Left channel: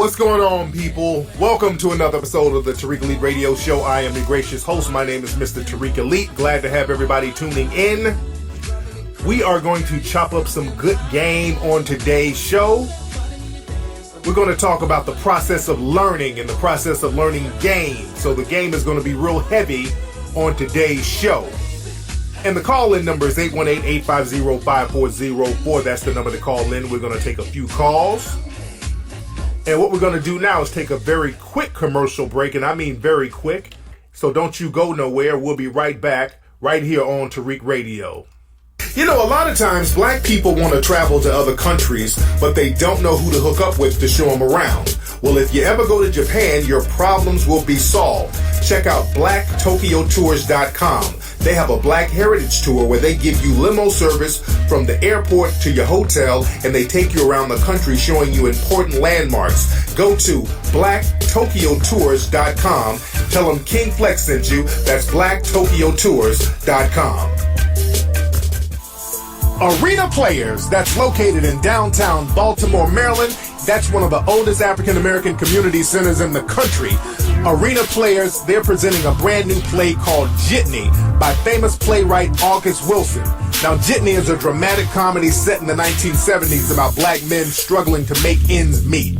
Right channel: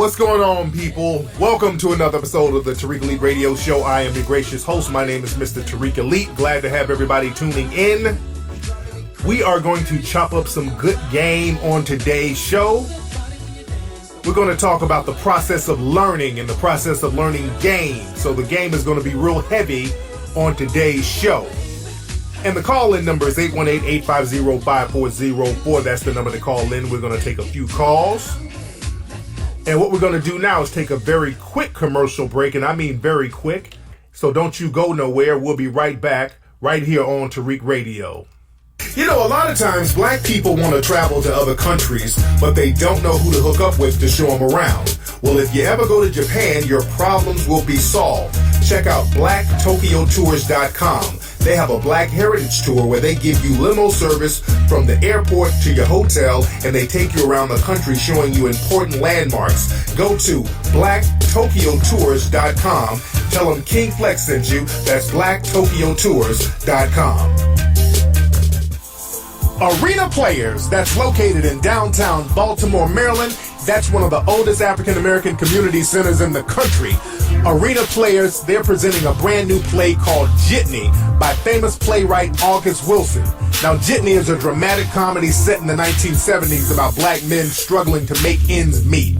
what's going on, people? Welcome to another episode of the Tariq Elite Radio Show. I am the gracious host. My name is Mr. Tariq Elite. Glad to have everybody tuning in. We are going to chop up some good game on today's show. We're going to talk about the process of learning and the process of learning game. So the game is going to be real heavy on today's show. And the call-in number is 818-850-5404. That's the number to call in. We're going to take a few calls. And what we're going to do now is take a very quick commercial break, and I mean very quick. So don't you go nowhere. We'll be right back right here on Tariq Radio. You know, a lot of times black people want to travel to other countries, but they don't know who to hook up with to show them around. Well, if you ever go to Japan, your problems will be solved. Check out blacktokyotours.com. They have a Black Heritage Tour where they give you limo service from the airport to your hotel, and they take you around the country showing you important landmarks. Go to blacktokyotours.com. Tell them King Flex sent you. That's blacktokyotours.com. Arena Players, that's located in downtown Baltimore, Maryland. That's one of the oldest African-American community centers in the country. Arena Players, they're presenting a brand new play called Jitney by famous playwright August Wilson. Now, Jitney is a dramatic comedy set in the 1970s about black men struggling to make ends meet.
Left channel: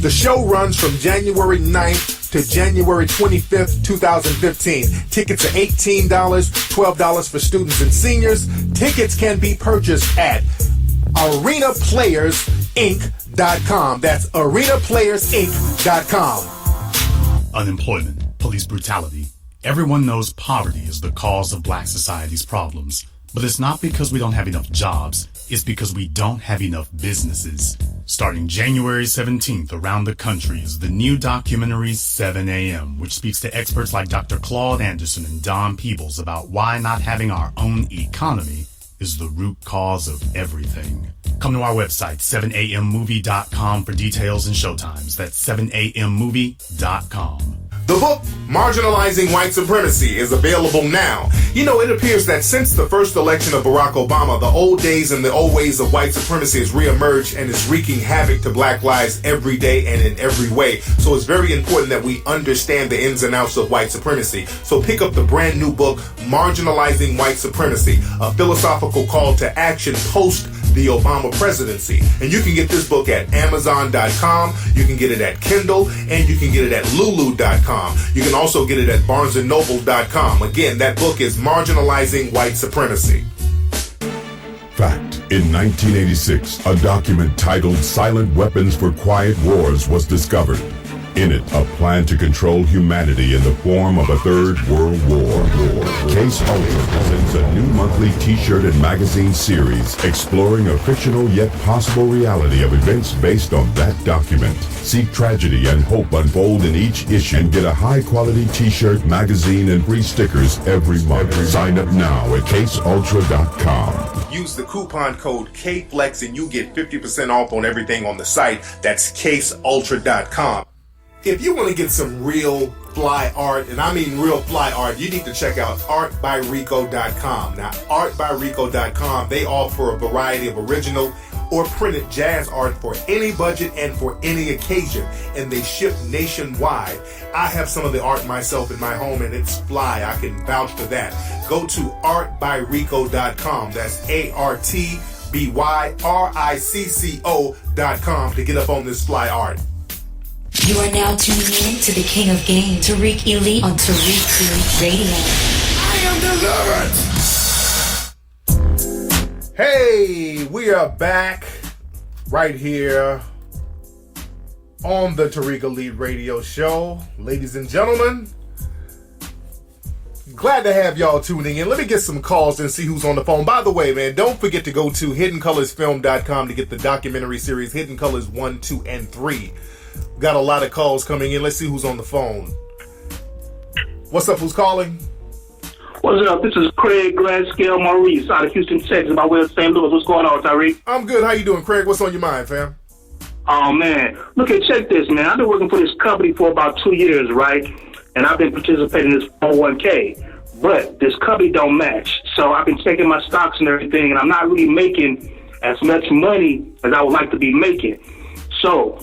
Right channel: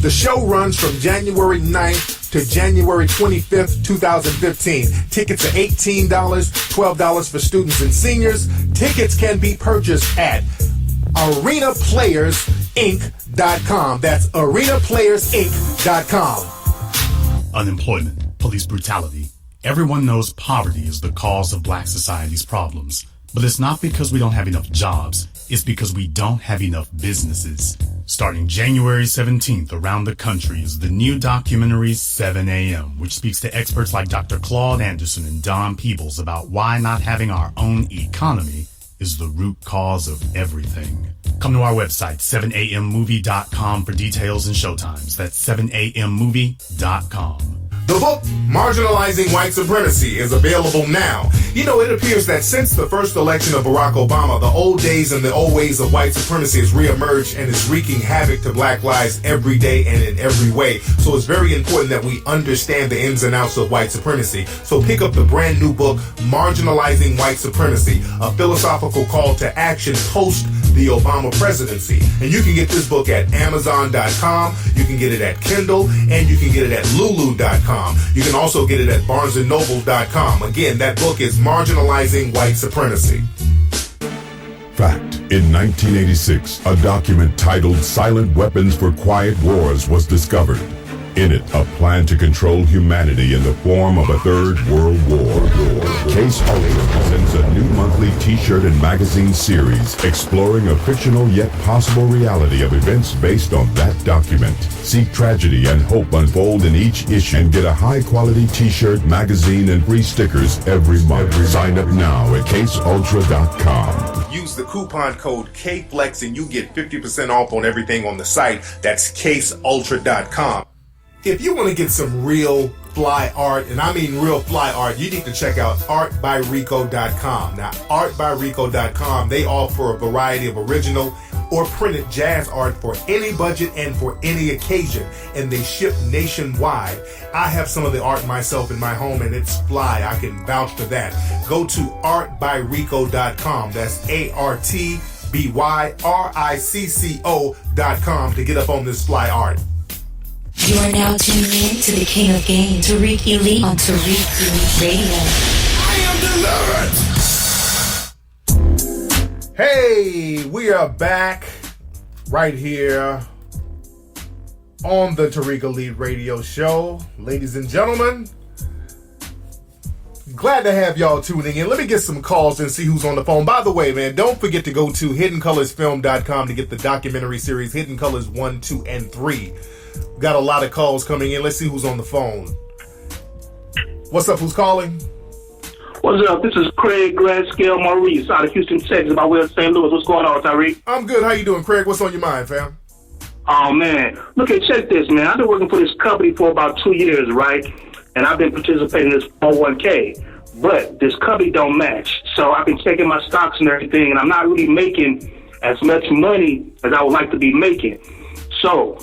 The show runs from January 9th to January 25th, 2015. Tickets are $18, $12 for students and seniors. Tickets can be purchased at arenaplayersinc.com. That's arenaplayersinc.com. Unemployment, police brutality. Everyone knows poverty is the cause of black society's problems. But it's not because we don't have enough jobs. It's because we don't have enough businesses. Starting January 17th around the country is the new documentary 7 a.m., which speaks to experts like Dr. Claude Anderson and Don Peebles about why not having our own economy is the root cause of everything. Come to our website, 7ammovie.com for details and showtimes. That's 7ammovie.com. The book, Marginalizing White Supremacy, is available now. You know, it appears that since the first election of Barack Obama, the old days and the old ways of white supremacy has reemerged and is wreaking havoc to black lives every day and in every way. So it's very important that we understand the ins and outs of white supremacy. So pick up the brand new book, Marginalizing White Supremacy, a philosophical call to action post the Obama presidency. And you can get this book at Amazon.com, you can get it at Kindle, and you can get it at Lulu.com. You can also get it at BarnesandNoble.com. Again, that book is Marginalizing White Supremacy. Fact. In 1986, a document titled Silent Weapons for Quiet Wars was discovered. In it, a plan to control humanity in the form of a third world war. Case Ultra presents a new monthly t-shirt and magazine series exploring a fictional yet possible reality of events based on that document. See tragedy and hope unfold in each issue and get a high-quality t-shirt, magazine, and free stickers every month. Sign up now at caseultra.com. Use the coupon code KFLEX and you get 50% off on everything on the site. That's caseultra.com. If you want to get some real fly art, and I mean real fly art, you need to check out artbyrico.com. Now, artbyrico.com, they offer a variety of original or printed jazz art for any budget and for any occasion, and they ship nationwide. I have some of the art myself in my home, and it's fly. I can vouch for that. Go to artbyrico.com. That's artbyrico.com to get up on this fly art. You are now tuning in to the King of Game, Tariq Elite on Tariq Elite Radio. I am delivered. Hey, we are back right here on the Tariq Elite Radio Show. Ladies and gentlemen, glad to have y'all tuning in. Let me get some calls and see who's on the phone. By the way, man, don't forget to go to hiddencolorsfilm.com to get the documentary series Hidden Colors 1, 2, and 3. Got a lot of calls coming in. Let's see who's on the phone. What's up? Who's calling? What's up? This is Craig Gradscale Maurice out of Houston, Texas, by way of St. Louis. What's going on, Tariq? I'm good. How you doing, Craig? What's on your mind, fam? Oh, man. Look, check this, man. I've been working for this company for about 2 years, right? And I've been participating in this 401k. But this company don't match. So I've been checking my stocks and everything, and I'm not really making as much money as I would like to be making. So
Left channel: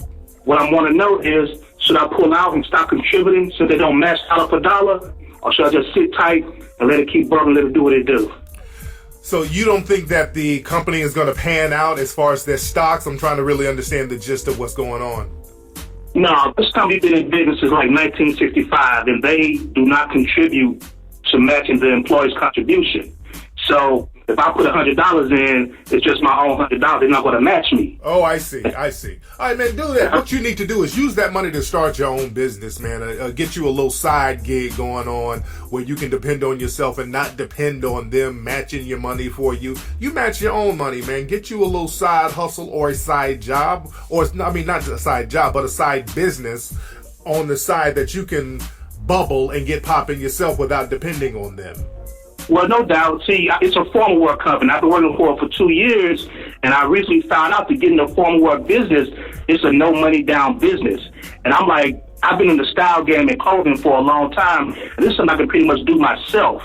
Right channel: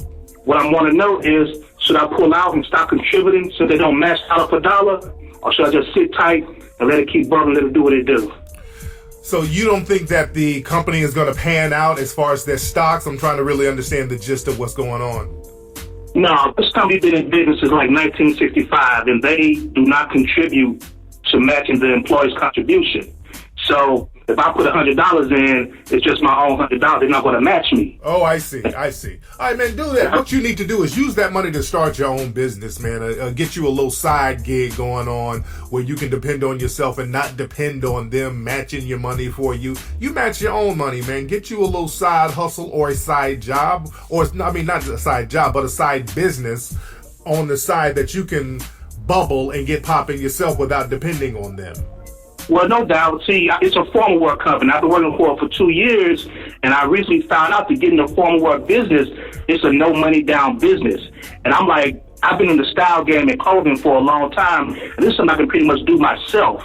what I want to know is, should I pull out and stop contributing so they don't match dollar for dollar, or should I just sit tight and let it keep bubbling, let it do what it do? So you don't think that the company is going to pan out as far as their stocks? I'm trying to really understand the gist of what's going on. No, this company been in business since like 1965, and they do not contribute to matching the employee's contribution. So if I put $100 in, it's just my own $100. They're not going to match me. Oh, I see. All right, man, do that. What you need to do is use that money to start your own business, man. Get you a little side gig going on where you can depend on yourself and not depend on them matching your money for you. You match your own money, man. Get you a little side hustle or a side job, not a side job, but a side business on the side that you can bubble and get popping yourself without depending on them. Well, no doubt. See, it's a formal work company. I've been working for it for 2 years, and I recently found out that getting the formal work business, it's a no money down business. And I'm like, I've been in the style game and clothing for a long time, and this is something I can pretty much do myself.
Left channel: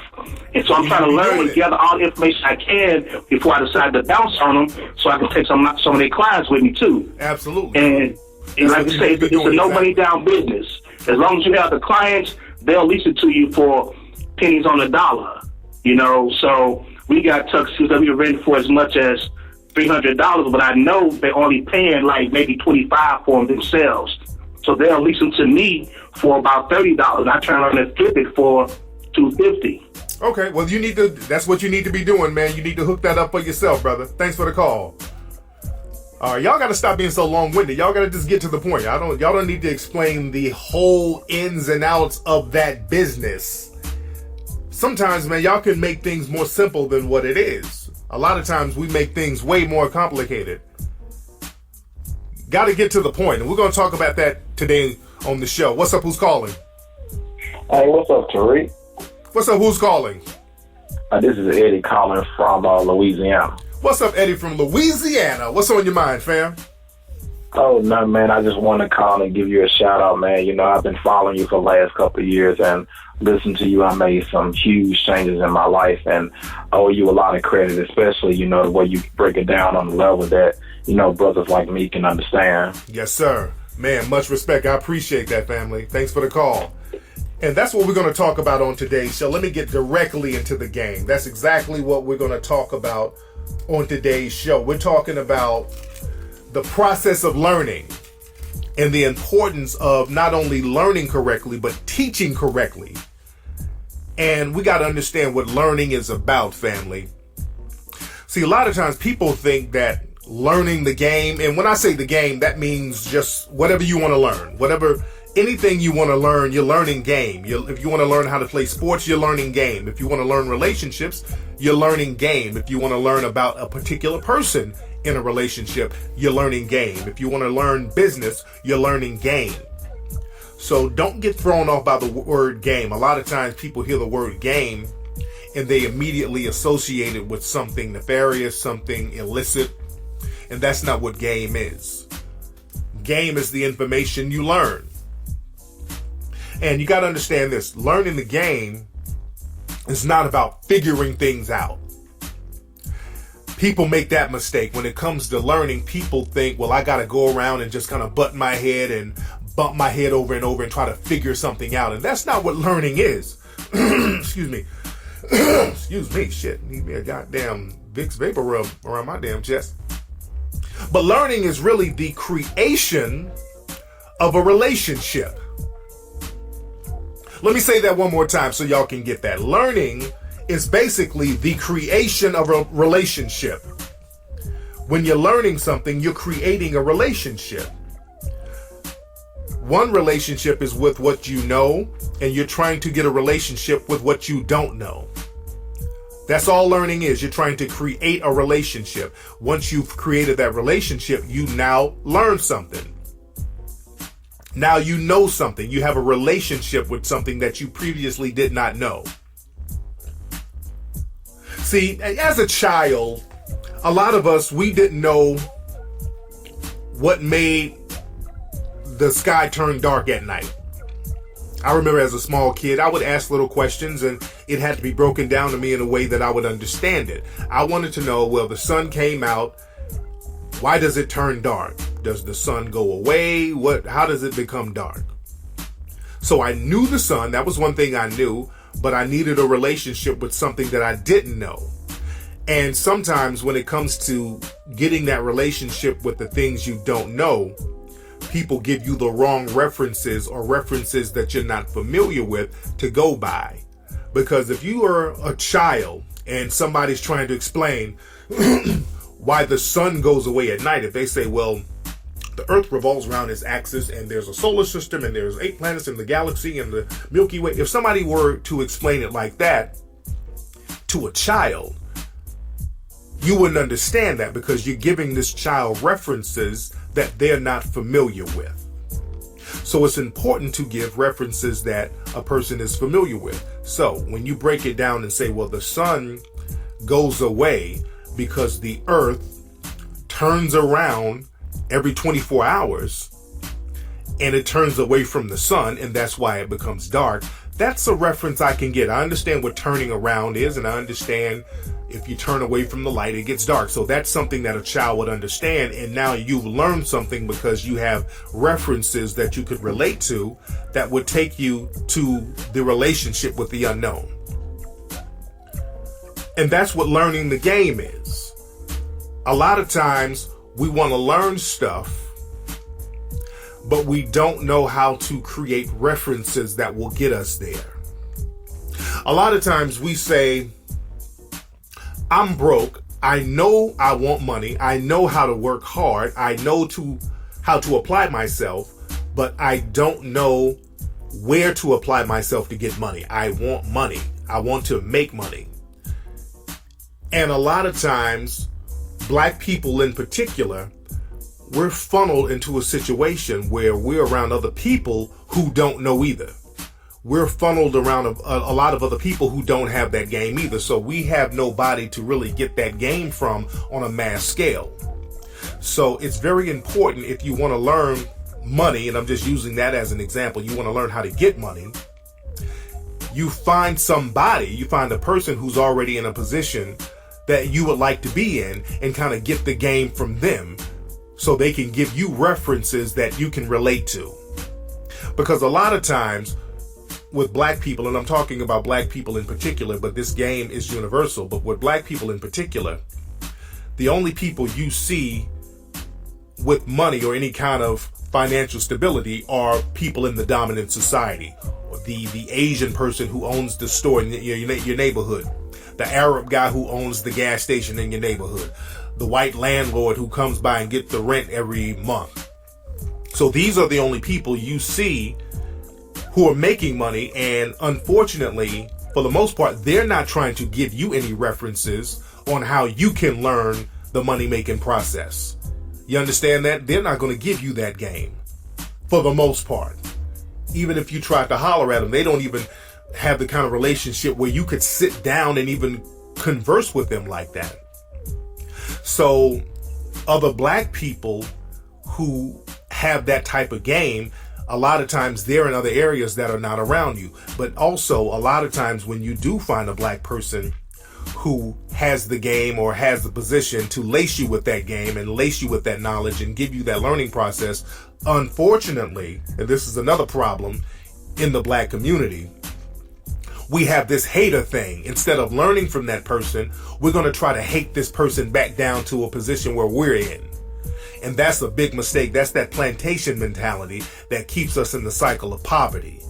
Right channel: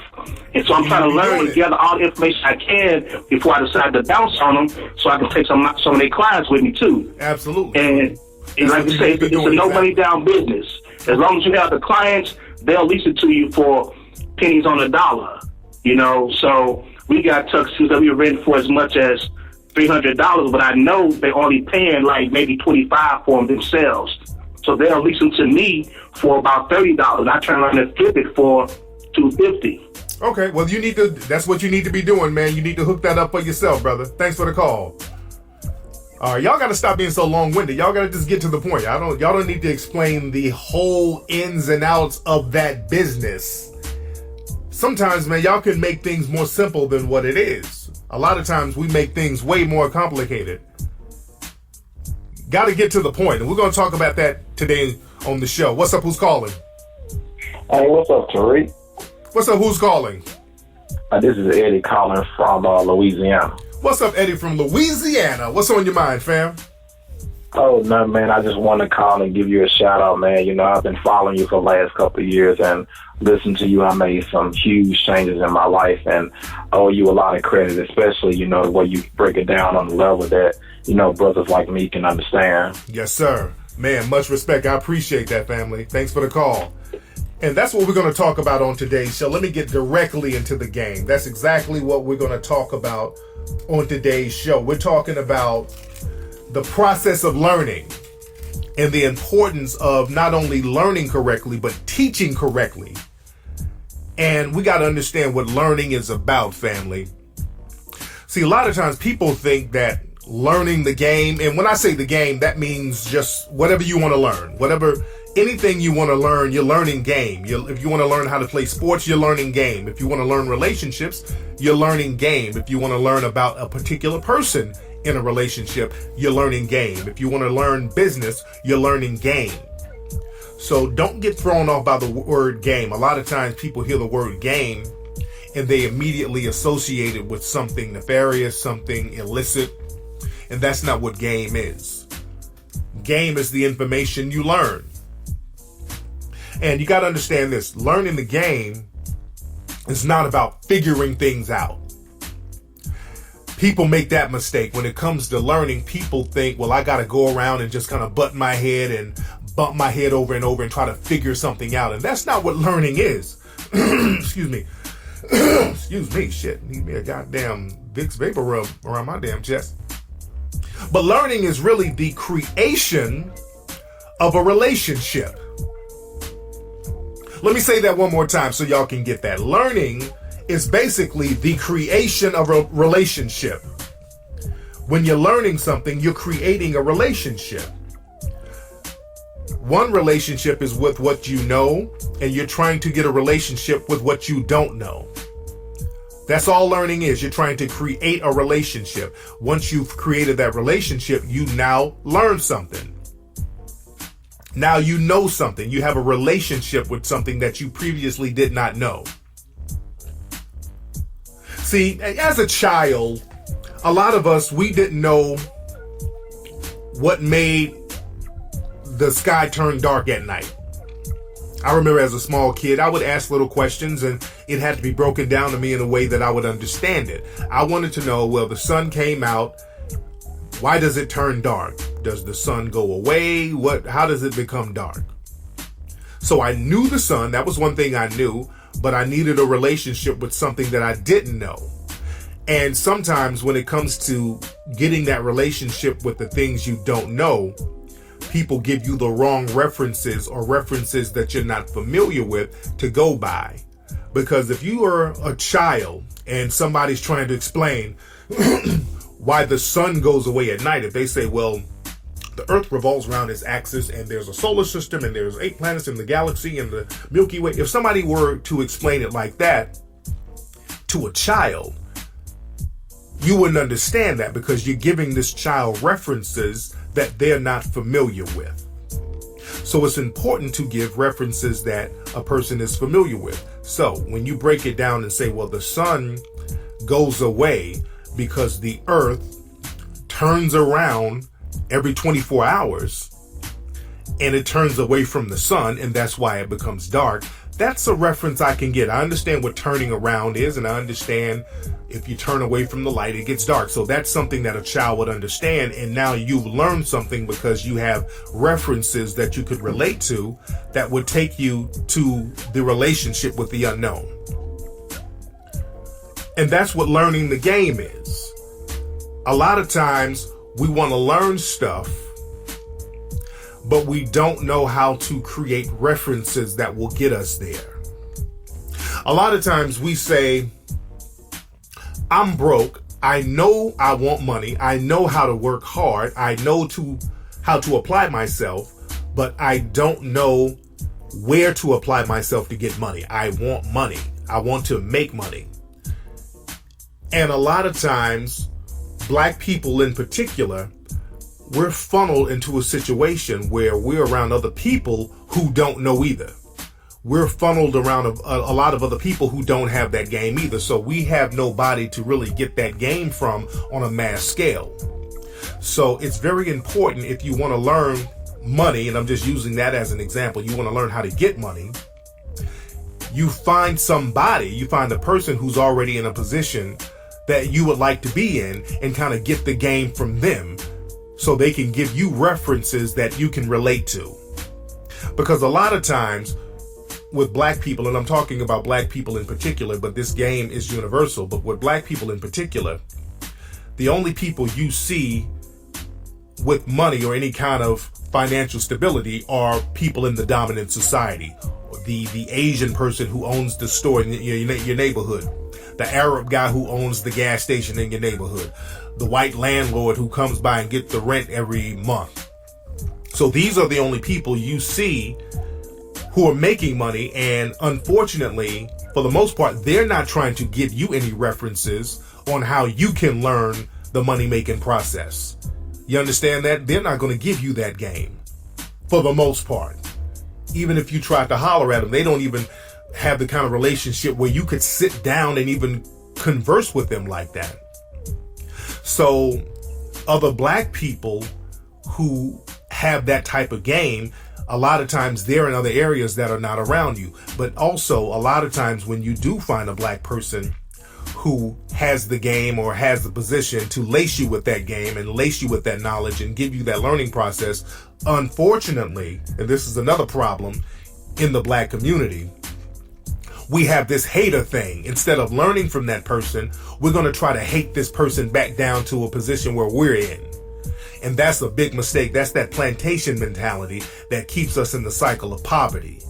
And so I'm trying to learn and gather all the information I can before I decide to bounce on them, so I can take some of their clients with me too. Absolutely. And like you say, it's a no money down business. As long as you have the clients, they'll lease it to you for pennies on the dollar. You know, so we got tuxedos that we were renting for as much as $300, but I know they're only paying like maybe $25 for them themselves. So they'll lease them to me for about $30. I turn around and flip it for $250. Okay, well, that's what you need to be doing, man. You need to hook that up for yourself, brother. Thanks for the call. All right, y'all got to stop being so long-winded. Y'all got to just get to the point. Y'all don't need to explain the whole ins and outs of that business. Sometimes, man, y'all can make things more simple than what it is. A lot of times we make things way more complicated. Got to get to the point, and we're going to talk about that today on the show. What's up? Who's calling? Hey, what's up, Tariq? What's up? Who's calling? This is Eddie calling from Louisiana. What's up, Eddie from Louisiana? What's on your mind, fam? Oh, no, man, I just want to call and give you a shout-out, man. You know, I've been following you for the last couple of years, and listening to you, I made some huge changes in my life, and I owe you a lot of credit, especially, you know, the way you break it down on the level that, you know, brothers like me can understand. Yes, sir. Man, much respect. I appreciate that, family. Thanks for the call. And that's what we're going to talk about on today's show. Let me get directly into the game. That's exactly what we're going to talk about on today's show. We're talking about the process of learning and the importance of not only learning correctly, but teaching correctly. And we got to understand what learning is about, family. See, a lot of times people think that learning the game, and when I say the game, that means just whatever you want to learn, anything you want to learn, you're learning game. If you want to learn how to play sports, you're learning game. If you want to learn relationships, you're learning game. If you want to learn about a particular person in a relationship, you're learning game. If you want to learn business, you're learning game. So don't get thrown off by the word game. A lot of times people hear the word game and they immediately associate it with something nefarious, something illicit, and that's not what game is. Game is the information you learn. And you got to understand this. Learning the game is not about figuring things out. People make that mistake. When it comes to learning, people think, well, I got to go around and just kind of butt my head and bump my head over and over and try to figure something out. And that's not what learning is. Excuse me. Excuse me. Shit. Need me a goddamn Vicks Vapor Rub around my damn chest. But learning is really the creation of a relationship. Let me say that one more time so y'all can get that. Learning is basically the creation of a relationship. When you're learning something, you're creating a relationship. One relationship is with what you know, and you're trying to get a relationship with what you don't know. That's all learning is. You're trying to create a relationship. Once you've created that relationship, you now learn something. Now you know something. You have a relationship with something that you previously did not know. See, as a child, a lot of us, we didn't know what made the sky turn dark at night. I remember as a small kid, I would ask little questions and it had to be broken down to me in a way that I would understand it. I wanted to know, well, the sun came out Why does it turn dark? Does the sun go away? How does it become dark? So I knew the sun. That was one thing I knew, but I needed a relationship with something that I didn't know. And sometimes when it comes to getting that relationship with the things you don't know, people give you the wrong references or references that you're not familiar with to go by. Because if you are a child and somebody's trying to explain why the sun goes away at night, if they say, well, the earth revolves around its axis and there's a solar system and there's 8 planets in the galaxy and the Milky Way. If somebody were to explain it like that to a child, you wouldn't understand that, because you're giving this child references that they're not familiar with. So it's important to give references that a person is familiar with. So when you break it down and say, well, the sun goes away because the earth turns around every 24 hours and it turns away from the sun, and that's why it becomes dark. That's a reference I can get. I understand what turning around is, and I understand if you turn away from the light, it gets dark. So that's something that a child would understand. And now you've learned something because you have references that you could relate to that would take you to the relationship with the unknown. And that's what learning the game is. A lot of times we want to learn stuff, but we don't know how to create references that will get us there. A lot of times we say, I'm broke. I know I want money. I know how to work hard. I know how to apply myself, but I don't know where to apply myself to get money. I want money. I want to make money. And a lot of times, Black people in particular, we're funneled into a situation where we're around other people who don't know either. We're funneled around a lot of other people who don't have that game either. So we have nobody to really get that game from on a mass scale. So it's very important, if you want to learn money, and I'm just using that as an example, you want to learn how to get money, you find a person who's already in a position that you would like to be in, and kind of get the game from them so they can give you references that you can relate to. Because a lot of times with Black people, and I'm talking about Black people in particular, but this game is universal, but with Black people in particular, the only people you see with money or any kind of financial stability are people in the dominant society. The Asian person who owns the store in your neighborhood, the Arab guy who owns the gas station in your neighborhood, the white landlord who comes by and gets the rent every month. So these are the only people you see who are making money, and unfortunately, for the most part, they're not trying to give you any references on how you can learn the money-making process. You understand that? They're not going to give you that game, for the most part. Even if you try to holler at them, they don't even have the kind of relationship where you could sit down and even converse with them like that. So other Black people who have that type of game, a lot of times they're in other areas that are not around you. But also a lot of times when you do find a Black person who has the game or has the position to lace you with that game and lace you with that knowledge and give you that learning process, unfortunately, and this is another problem in the Black community, we have this hater thing. Instead of learning from that person, we're going to try to hate this person back down to a position where we're in. And that's a big mistake. That's that plantation mentality that keeps us in the cycle of poverty.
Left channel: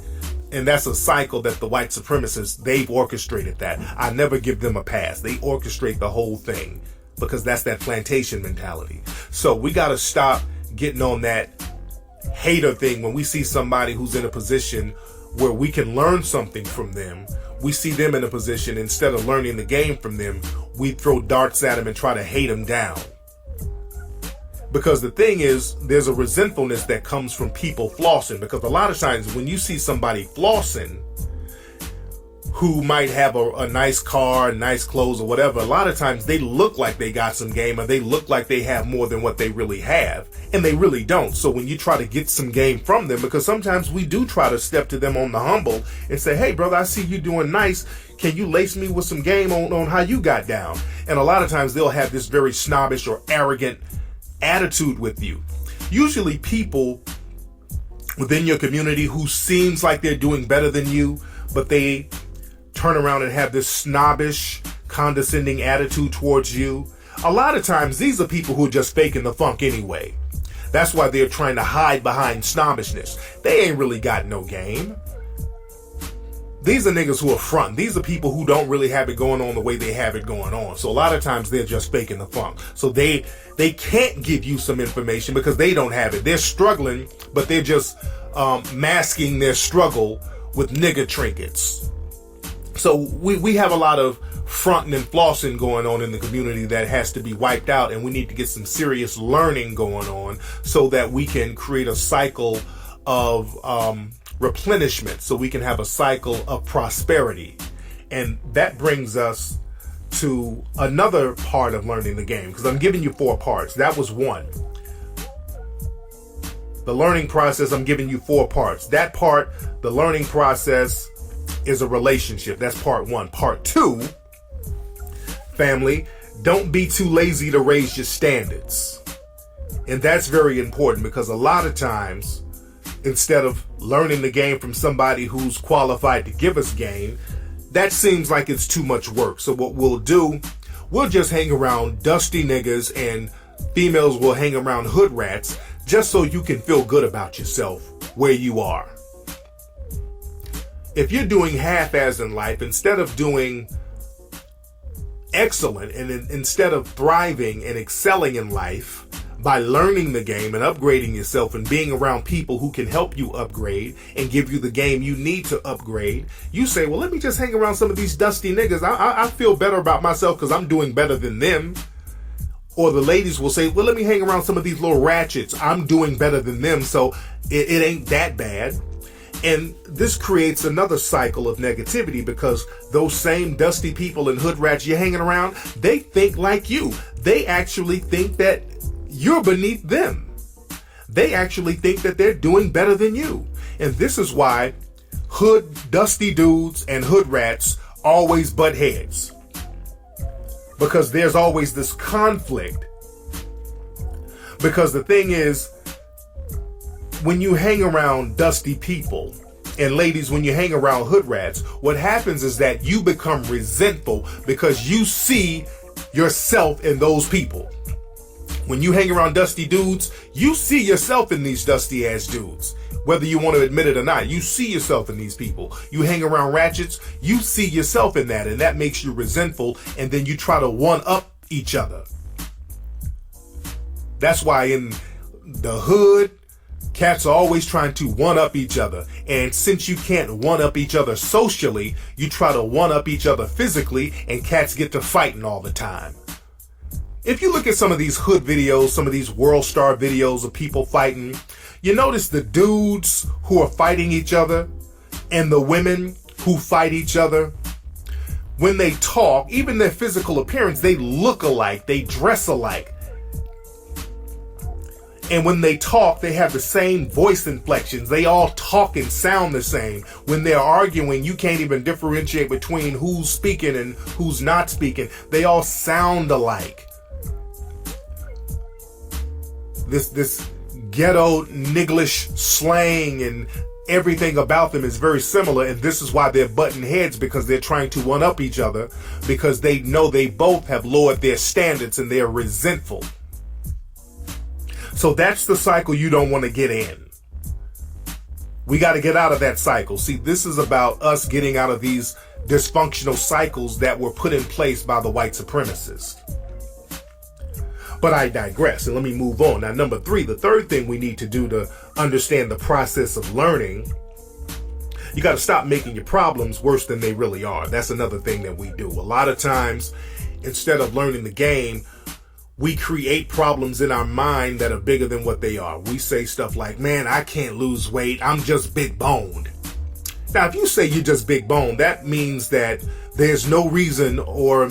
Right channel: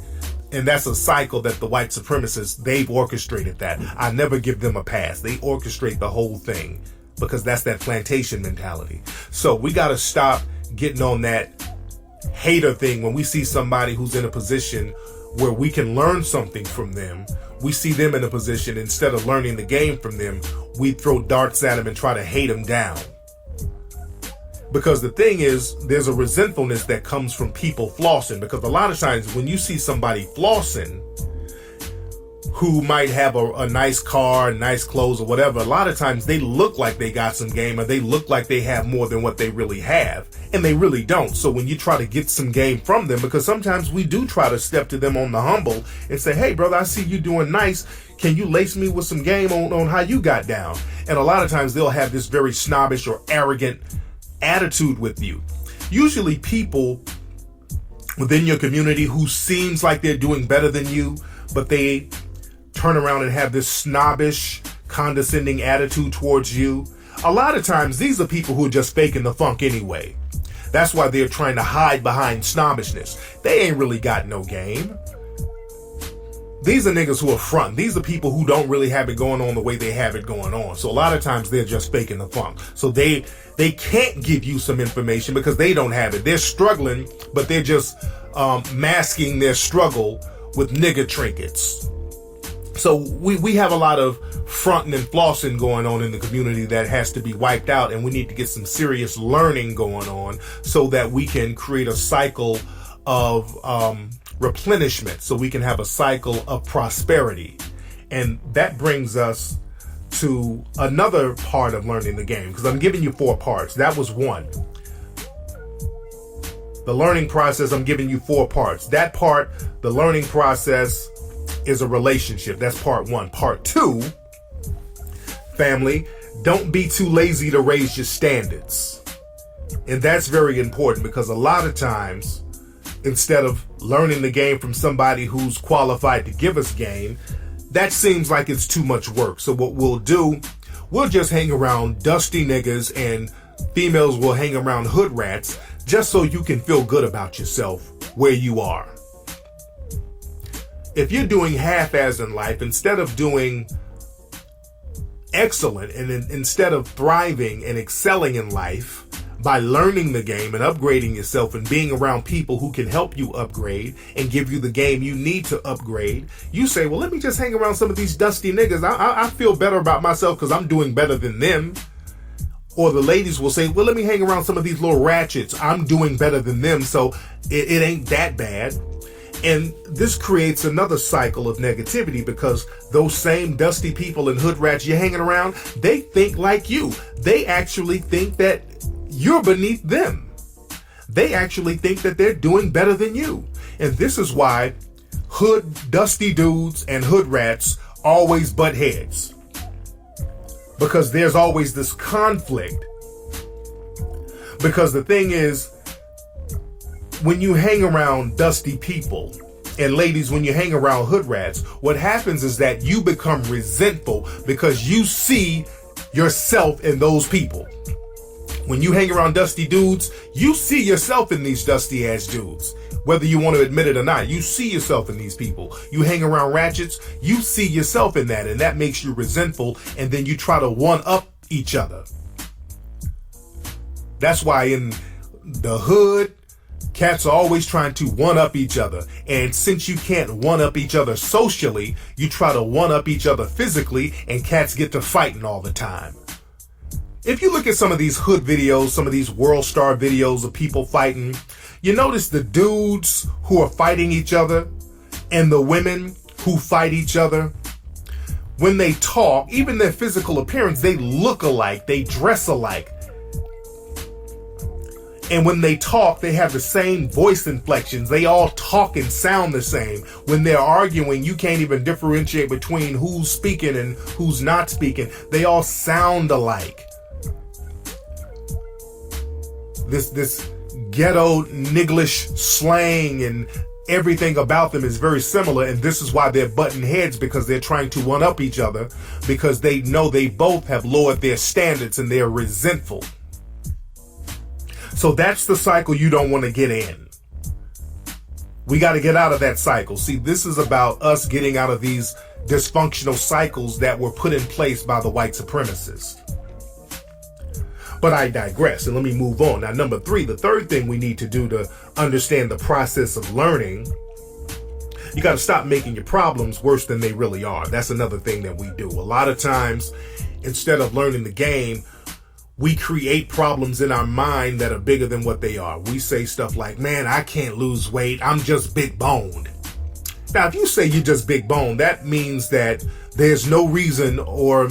And that's a cycle that the white supremacists, they've orchestrated that. I never give them a pass. They orchestrate the whole thing because that's that plantation mentality. So we got to stop getting on that hater thing. When we see somebody who's in a position where we can learn something from them, we see them in a position, instead of learning the game from them, we throw darts at them and try to hate them down. Because the thing is, there's a resentfulness that comes from people flossing. Because a lot of times when you see somebody flossing who might have a nice car, nice clothes or whatever, a lot of times they look like they got some game, or they look like they have more than what they really have. And they really don't. So when you try to get some game from them, because sometimes we do try to step to them on the humble and say, hey brother, I see you doing nice. Can you lace me with some game on how you got down? And a lot of times they'll have this very snobbish or arrogant attitude with you. Usually people within your community who seems like they're doing better than you, but they turn around and have this snobbish, condescending attitude towards you. A lot of times these are people who are just faking the funk anyway. That's why they're trying to hide behind snobbishness. They ain't really got no game. These are niggas who are front. These are people who don't really have it going on the way they have it going on. So a lot of times they're just faking the funk. So they can't give you some information because they don't have it. They're struggling, but they're just masking their struggle with nigga trinkets. So we have a lot of fronting and flossing going on in the community that has to be wiped out, and we need to get some serious learning going on so that we can create a cycle of replenishment, so we can have a cycle of prosperity. And that brings us to another part of learning the game, because I'm giving you 4 parts. That was 1. The learning process, I'm giving you 4 parts. That part, the learning process, is a relationship. That's part 1. Part 2, family, don't be too lazy to raise your standards. And that's very important, because a lot of times, instead of learning the game from somebody who's qualified to give us game, that seems like it's too much work. So what we'll do, we'll just hang around dusty niggas, and females will hang around hood rats, just so you can feel good about yourself where you are. If you're doing half-ass in life, instead of doing excellent, and instead of thriving and excelling in life by learning the game and upgrading yourself and being around people who can help you upgrade and give you the game you need to upgrade, you say, well, let me just hang around some of these dusty niggas. I feel better about myself because I'm doing better than them. Or the ladies will say, well, let me hang around some of these little ratchets. I'm doing better than them, so it ain't that bad. And this creates another cycle of negativity, because those same dusty people and hood rats you're hanging around, they think like you. They actually think that you're beneath them. They actually think that they're doing better than you. And this is why dusty dudes and hood rats always butt heads. Because there's always this conflict. Because the thing is, when you hang around dusty people, and ladies, when you hang around hood rats, what happens is that you become resentful because you see yourself in those people. When you hang around dusty dudes, you see yourself in these dusty ass dudes. Whether you want to admit it or not, you see yourself in these people. You hang around ratchets, you see yourself in that, and that makes you resentful, and then you try to one-up each other. That's why in the hood, cats are always trying to one-up each other. And since you can't one-up each other socially, you try to one-up each other physically, and cats get to fighting all the time. If you look at some of these hood videos, some of these world star videos of people fighting, you notice the dudes who are fighting each other and the women who fight each other, when they talk, even their physical appearance, they look alike, they dress alike. And when they talk, they have the same voice inflections. They all talk and sound the same. When they're arguing, you can't even differentiate between who's speaking and who's not speaking. They all sound alike. This ghetto Niglish slang and everything about them is very similar, and this is why they're butting heads, because they're trying to one-up each other, because they know they both have lowered their standards and they're resentful. So that's the cycle you don't want to get in. We got to get out of that cycle. See, this is about us getting out of these dysfunctional cycles that were put in place by the white supremacists. But I digress, and let me move on. Now, number 3, the third thing we need to do to understand the process of learning, you got to stop making your problems worse than they really are. That's another thing that we do. A lot of times, instead of learning the game, we create problems in our mind that are bigger than what they are. We say stuff like, man, I can't lose weight. I'm just big boned. Now, if you say you're just big boned, that means that there's no reason or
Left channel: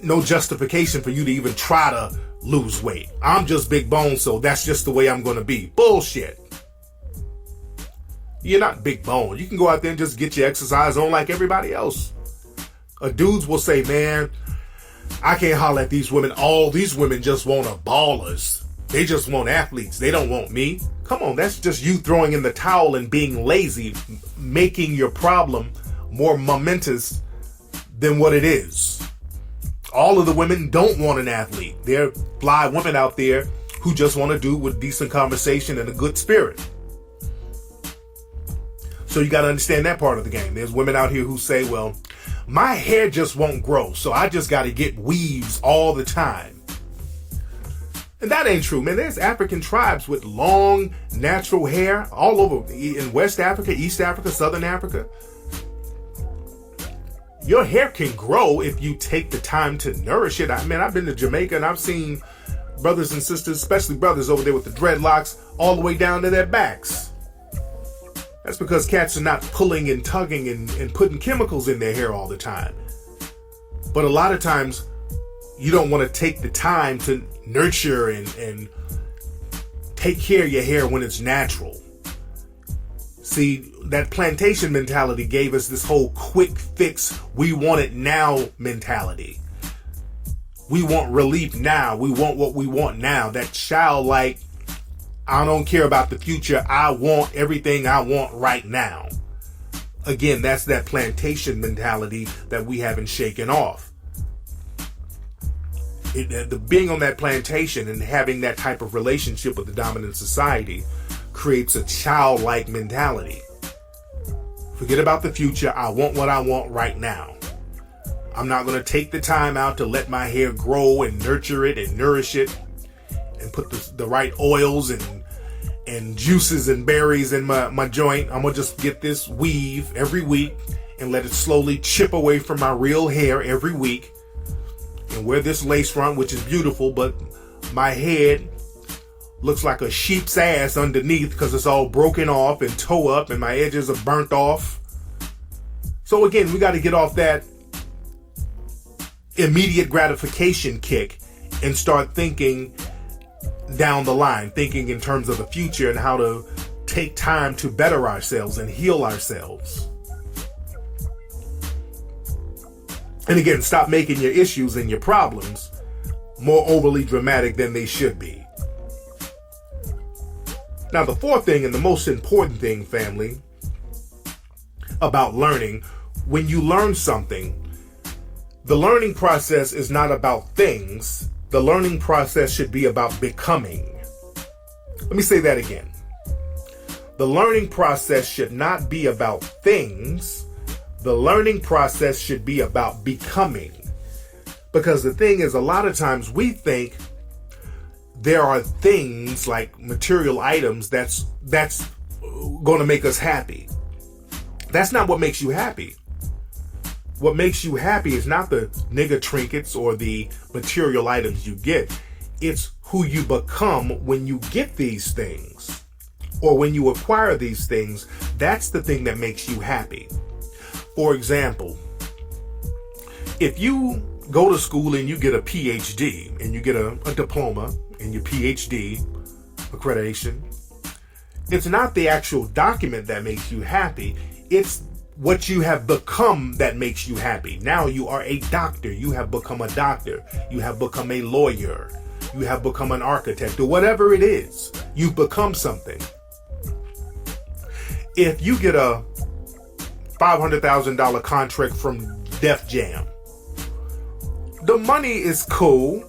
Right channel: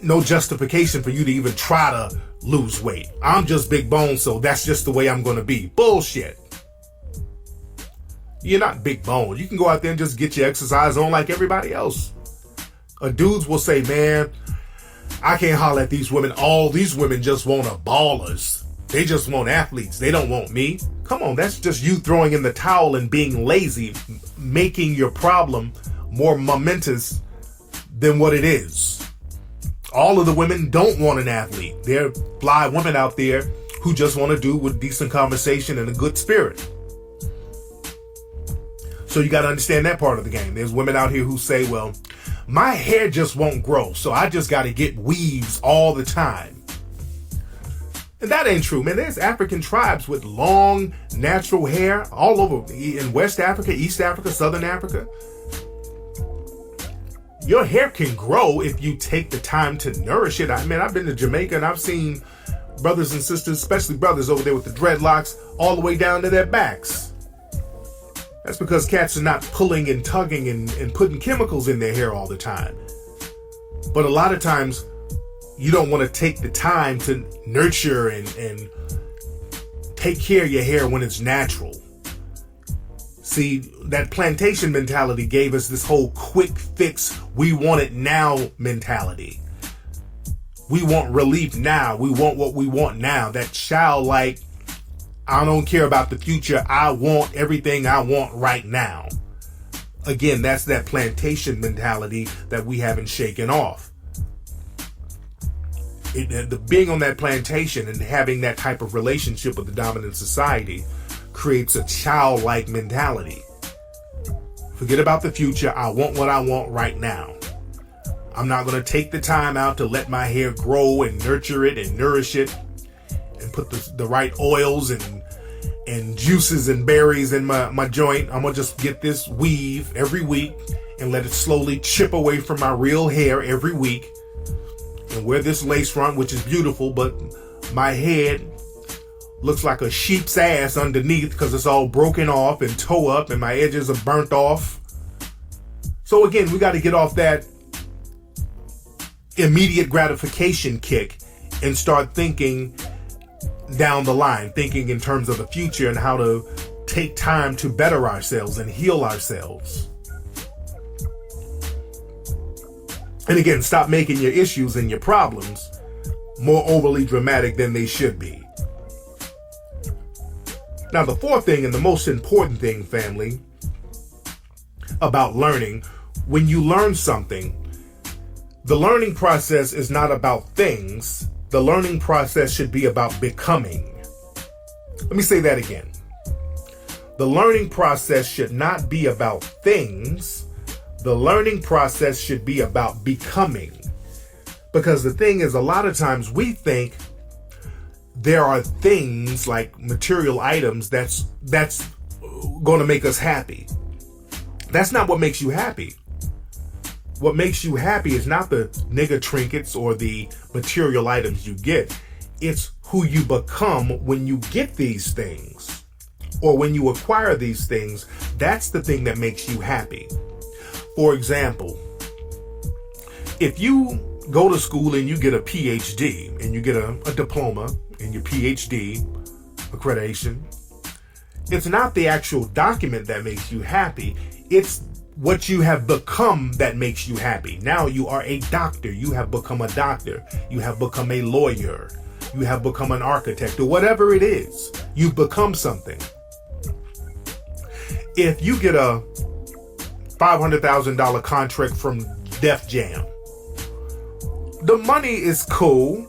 no justification for you to even try to lose weight. I'm just big boned, so that's just the way I'm going to be. Bullshit. You're not big boned. You can go out there and just get your exercise on like everybody else. Dudes will say, man, I can't holler at these women. All these women just want a ballers. They just want athletes. They don't want me. Come on, that's just you throwing in the towel and being lazy, making your problem more momentous than what it is. All of the women don't want an athlete. There are fly women out there who just want to do with decent conversation and a good spirit. So you got to understand that part of the game. There's women out here who say, well, my hair just won't grow, so I just got to get weaves all the time. And that ain't true, man. There's African tribes with long, natural hair all over in West Africa, East Africa, Southern Africa. Your hair can grow if you take the time to nourish it. I've been to Jamaica and I've seen brothers and sisters, especially brothers over there with the dreadlocks all the way down to their backs. That's because cats are not pulling and tugging and putting chemicals in their hair all the time. But a lot of times, you don't want to take the time to nurture and take care of your hair when it's natural. See, that plantation mentality gave us this whole quick fix, we want it now mentality. We want relief now. We want what we want now. That childlike, I don't care about the future. I want everything I want right now. Again, that's that plantation mentality that we haven't shaken off. Being on that plantation and having that type of relationship with the dominant society creates a childlike mentality. Forget about the future. I want what I want right now. I'm not going to take the time out to let my hair grow and nurture it and nourish it and put the right oils and juices and berries in my joint. I'm going to just get this weave every week and let it slowly chip away from my real hair every week and wear this lace front, which is beautiful, but my head looks like a sheep's ass underneath because it's all broken off and toe up and my edges are burnt off. So again, we got to get off that immediate gratification kick and start thinking down the line, thinking in terms of the future and how to take time to better ourselves and heal ourselves. And again, stop making your issues and your problems more overly dramatic than they should be. Now, the fourth thing and the most important thing, family, about learning, when you learn something, the learning process is not about things. The learning process should be about becoming. Let me say that again. The learning process should not be about things. The learning process should be about becoming. Because the thing is, a lot of times we think there are things like material items that's going to make us happy. That's not what makes you happy. What makes you happy is not the nigga trinkets or the material items you get. It's who you become when you get these things or when you acquire these things. That's the thing that makes you happy. For example, if you go to school and you get a PhD and you get a diploma and your PhD accreditation, it's not the actual document that makes you happy. It's what you have become that makes you happy. Now you are a doctor. You have become a doctor. You have become a lawyer. You have become an architect or whatever it is. You've become something. If you get a $500,000 contract from Def Jam, the money is cool.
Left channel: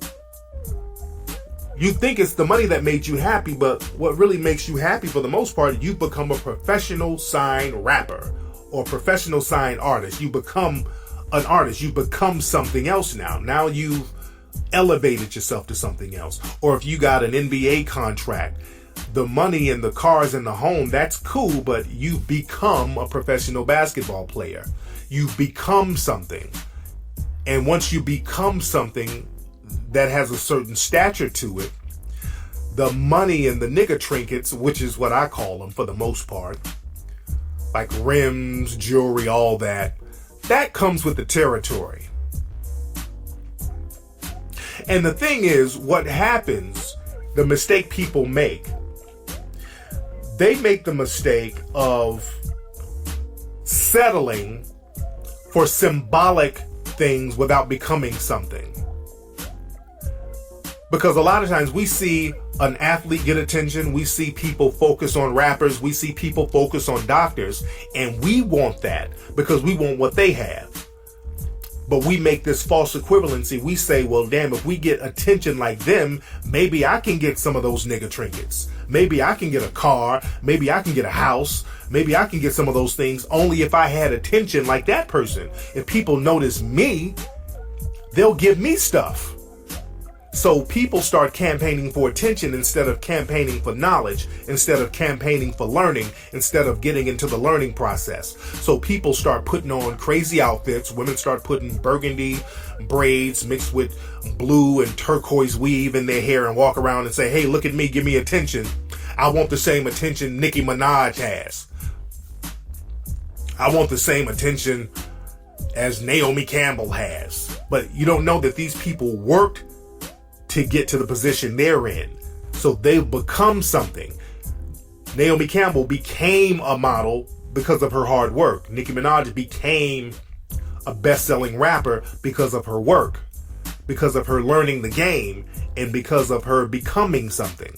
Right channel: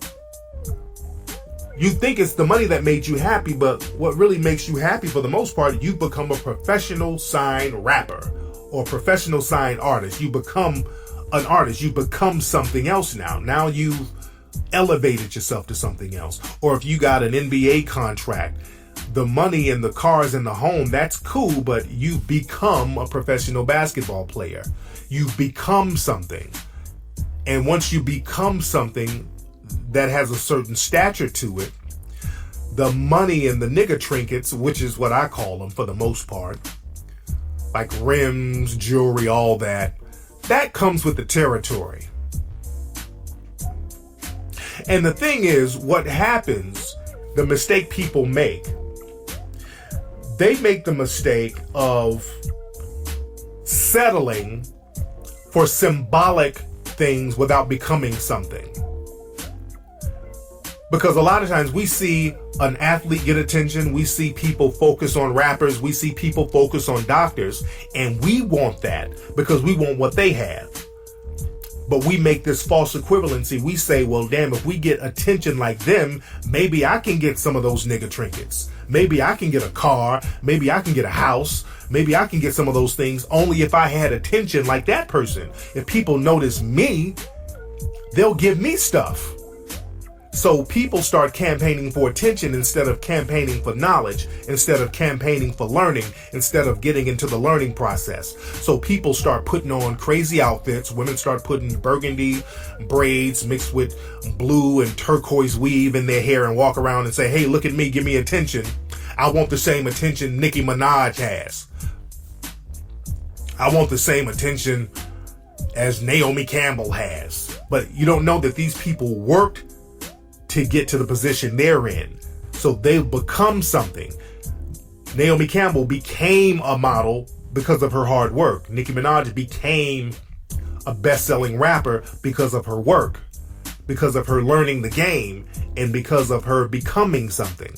You think it's the money that made you happy, but what really makes you happy for the most part, you become a professional signed rapper or professional signed artist. You become an artist. You become something else now. Now you've elevated yourself to something else. Or if you got an NBA contract, the money and the cars and the home, that's cool, but you've become a professional basketball player. You've become something. And once you become something that has a certain stature to it, the money and the nigga trinkets, which is what I call them for the most part, like rims, jewelry, all that comes with the territory. And the thing is, what happens, the mistake people make, they make the mistake of settling for symbolic things without becoming something. Because a lot of times we see an athlete get attention. We see people focus on rappers. We see people focus on doctors. And we want that because we want what they have. But we make this false equivalency. We say, well, damn, if we get attention like them, maybe I can get some of those nigga trinkets. Maybe I can get a car. Maybe I can get a house. Maybe I can get some of those things only if I had attention like that person. If people notice me, they'll give me stuff. So people start campaigning for attention instead of campaigning for knowledge, instead of campaigning for learning, instead of getting into the learning process. So people start putting on crazy outfits. Women start putting burgundy braids mixed with blue and turquoise weave in their hair and walk around and say, hey, look at me, give me attention. I want the same attention Nicki Minaj has. I want the same attention as Naomi Campbell has. But you don't know that these people worked to get to the position they're in. So they've become something. Naomi Campbell became a model because of her hard work. Nicki Minaj became a best-selling rapper because of her work, because of her learning the game, and because of her becoming something.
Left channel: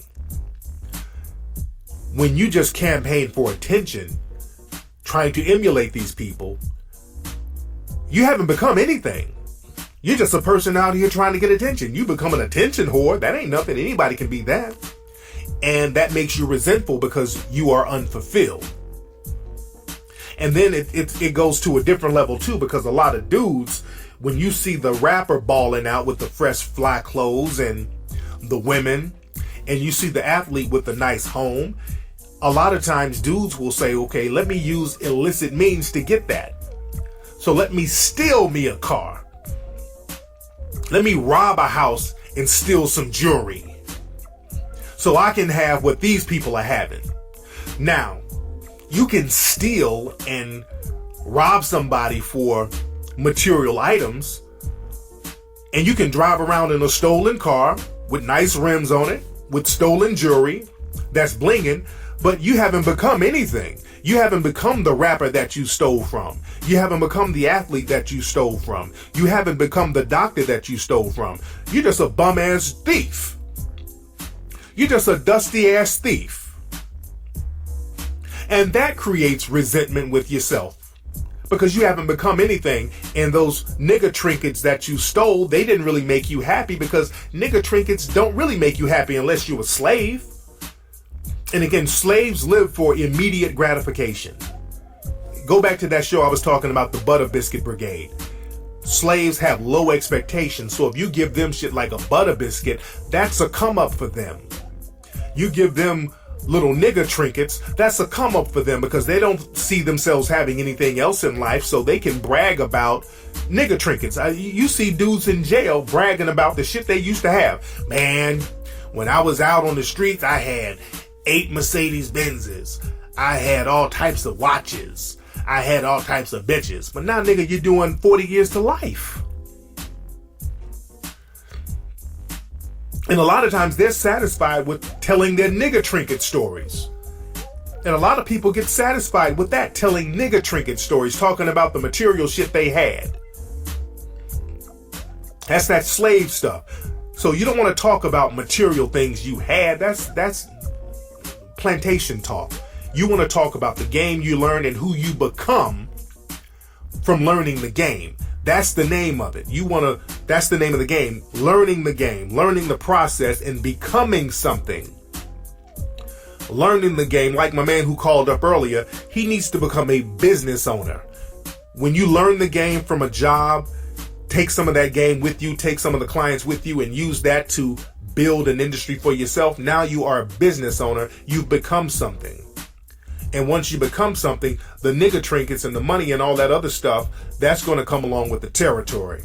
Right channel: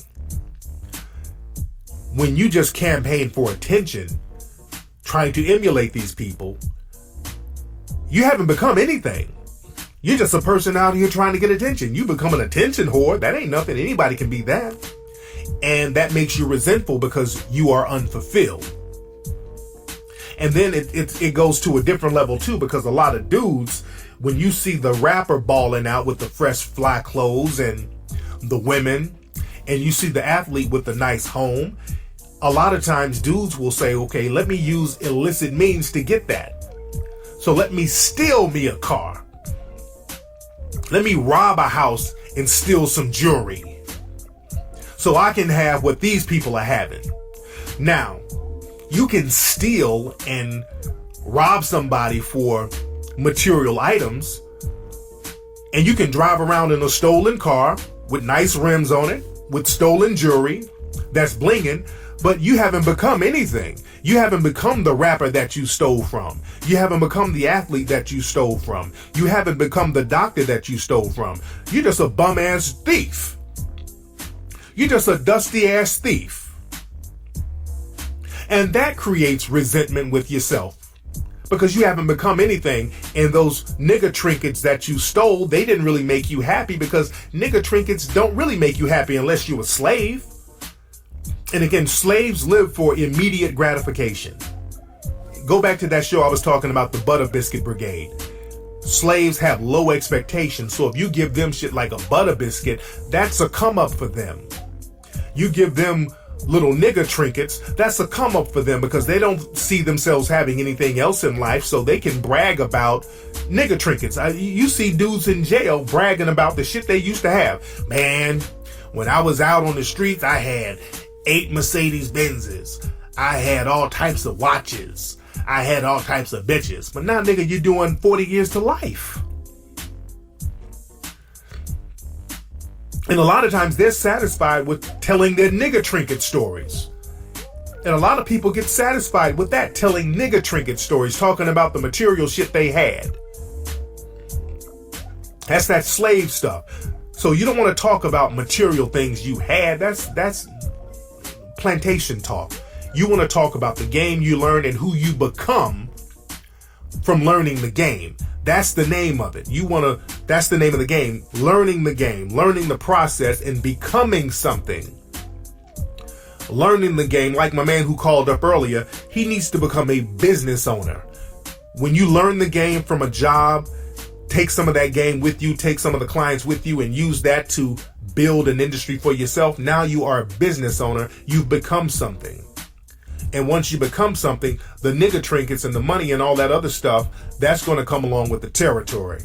When you just campaign for attention, trying to emulate these people, you haven't become anything. You're just a person out here trying to get attention. You become an attention whore. That ain't nothing. Anybody can be that. And that makes you resentful because you are unfulfilled. And then it goes to a different level too, because a lot of dudes, when you see the rapper balling out with the fresh fly clothes and the women, and you see the athlete with the nice home, a lot of times dudes will say, okay, let me use illicit means to get that. So let me steal me a car. Let me rob a house and steal some jewelry so I can have what these people are having. Now, you can steal and rob somebody for material items, and you can drive around in a stolen car with nice rims on it, with stolen jewelry that's blinging, but you haven't become anything. You haven't become the rapper that you stole from. You haven't become the athlete that you stole from. You haven't become the doctor that you stole from. You're just a bum-ass thief. You're just a dusty-ass thief. And that creates resentment with yourself because you haven't become anything. And those nigga trinkets that you stole, they didn't really make you happy because nigga trinkets don't really make you happy unless you're a slave. And again, slaves live for immediate gratification. Go back to that show I was talking about, the Butter Biscuit Brigade. Slaves have low expectations, so if you give them shit like a butter biscuit, that's a come up for them. You give them little nigger trinkets, that's a come up for them because they don't see themselves having anything else in life, so they can brag about nigger trinkets. You see dudes in jail bragging about the shit they used to have. Man, when I was out on the streets, I had 8 Mercedes Benzes. I had all types of watches. I had all types of bitches. But now, nigga, you're doing 40 years to life. And a lot of times they're satisfied with telling their nigga trinket stories. And a lot of people get satisfied with that, telling nigga trinket stories, talking about the material shit they had. That's that slave stuff. So you don't want to talk about material things you had. That's plantation talk. You want to talk about the game you learn and who you become from learning the game. That's the name of it. That's the name of the game. Learning the game, learning the process and becoming something. Learning the game, like my man who called up earlier, he needs to become a business owner. When you learn the game from a job, take some of that game with you, take some of the clients with you and use that to build an industry for yourself. Now you are a business owner. You've become something. And once you become something, the nigga trinkets and the money and all that other stuff, that's going to come along with the territory.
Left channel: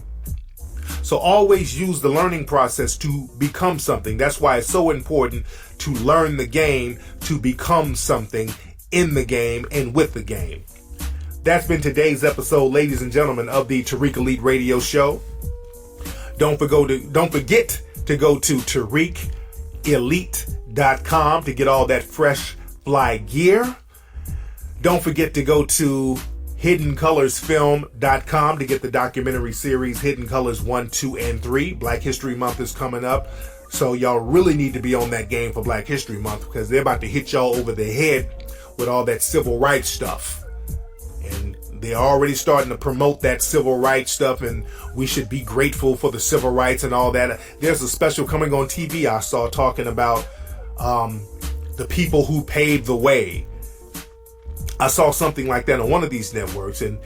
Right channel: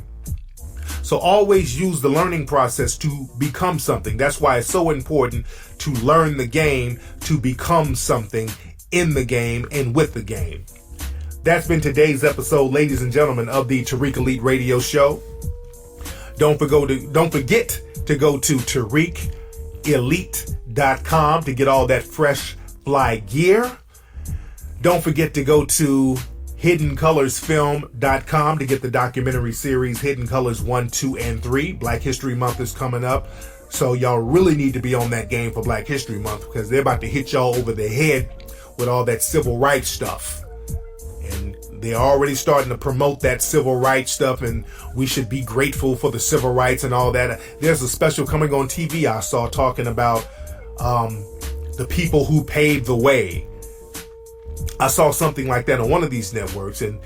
So always use the learning process to become something. That's why it's so important to learn the game, to become something in the game and with the game. That's been today's episode, ladies and gentlemen, of the Tariq Elite Radio Show. Don't forget to go to TariqElite.com to get all that fresh fly gear. Don't forget to go to HiddenColorsFilm.com to get the documentary series Hidden Colors 1, 2, and 3. Black History Month is coming up. So y'all really need to be on that game for Black History Month, because they're about to hit y'all over the head with all that civil rights stuff. And they're already starting to promote that civil rights stuff, and we should be grateful for the civil rights and all that. There's a special coming on TV I saw talking about the people who paved the way. I saw something like that on one of these networks, and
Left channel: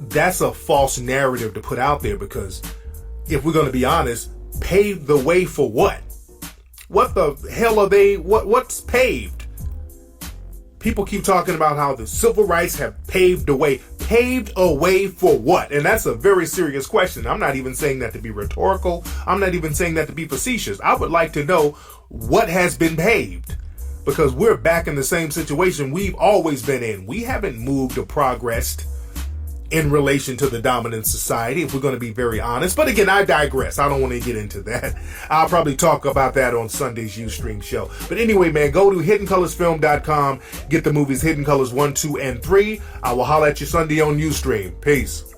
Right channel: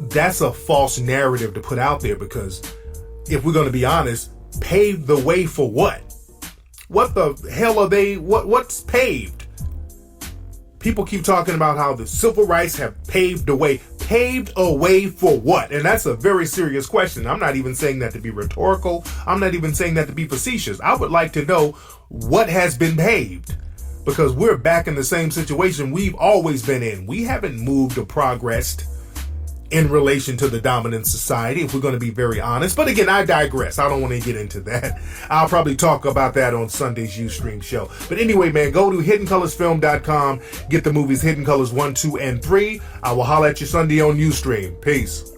that's a false narrative to put out there, because if we're going to be honest, paved the way for what? What the hell are they? What's paved? People keep talking about how the civil rights have paved the way. Paved a way for what? And that's a very serious question. I'm not even saying that to be rhetorical. I'm not even saying that to be facetious. I would like to know what has been paved, because we're back in the same situation we've always been in. We haven't moved or progressed in relation to the dominant society, if we're going to be very honest. But again, I digress. I don't want to get into that. I'll probably talk about that on Sunday's Ustream show. But anyway, man, go to HiddenColorsFilm.com. Get the movies Hidden Colors 1, 2, and 3. I will holler at you Sunday on Ustream. Peace.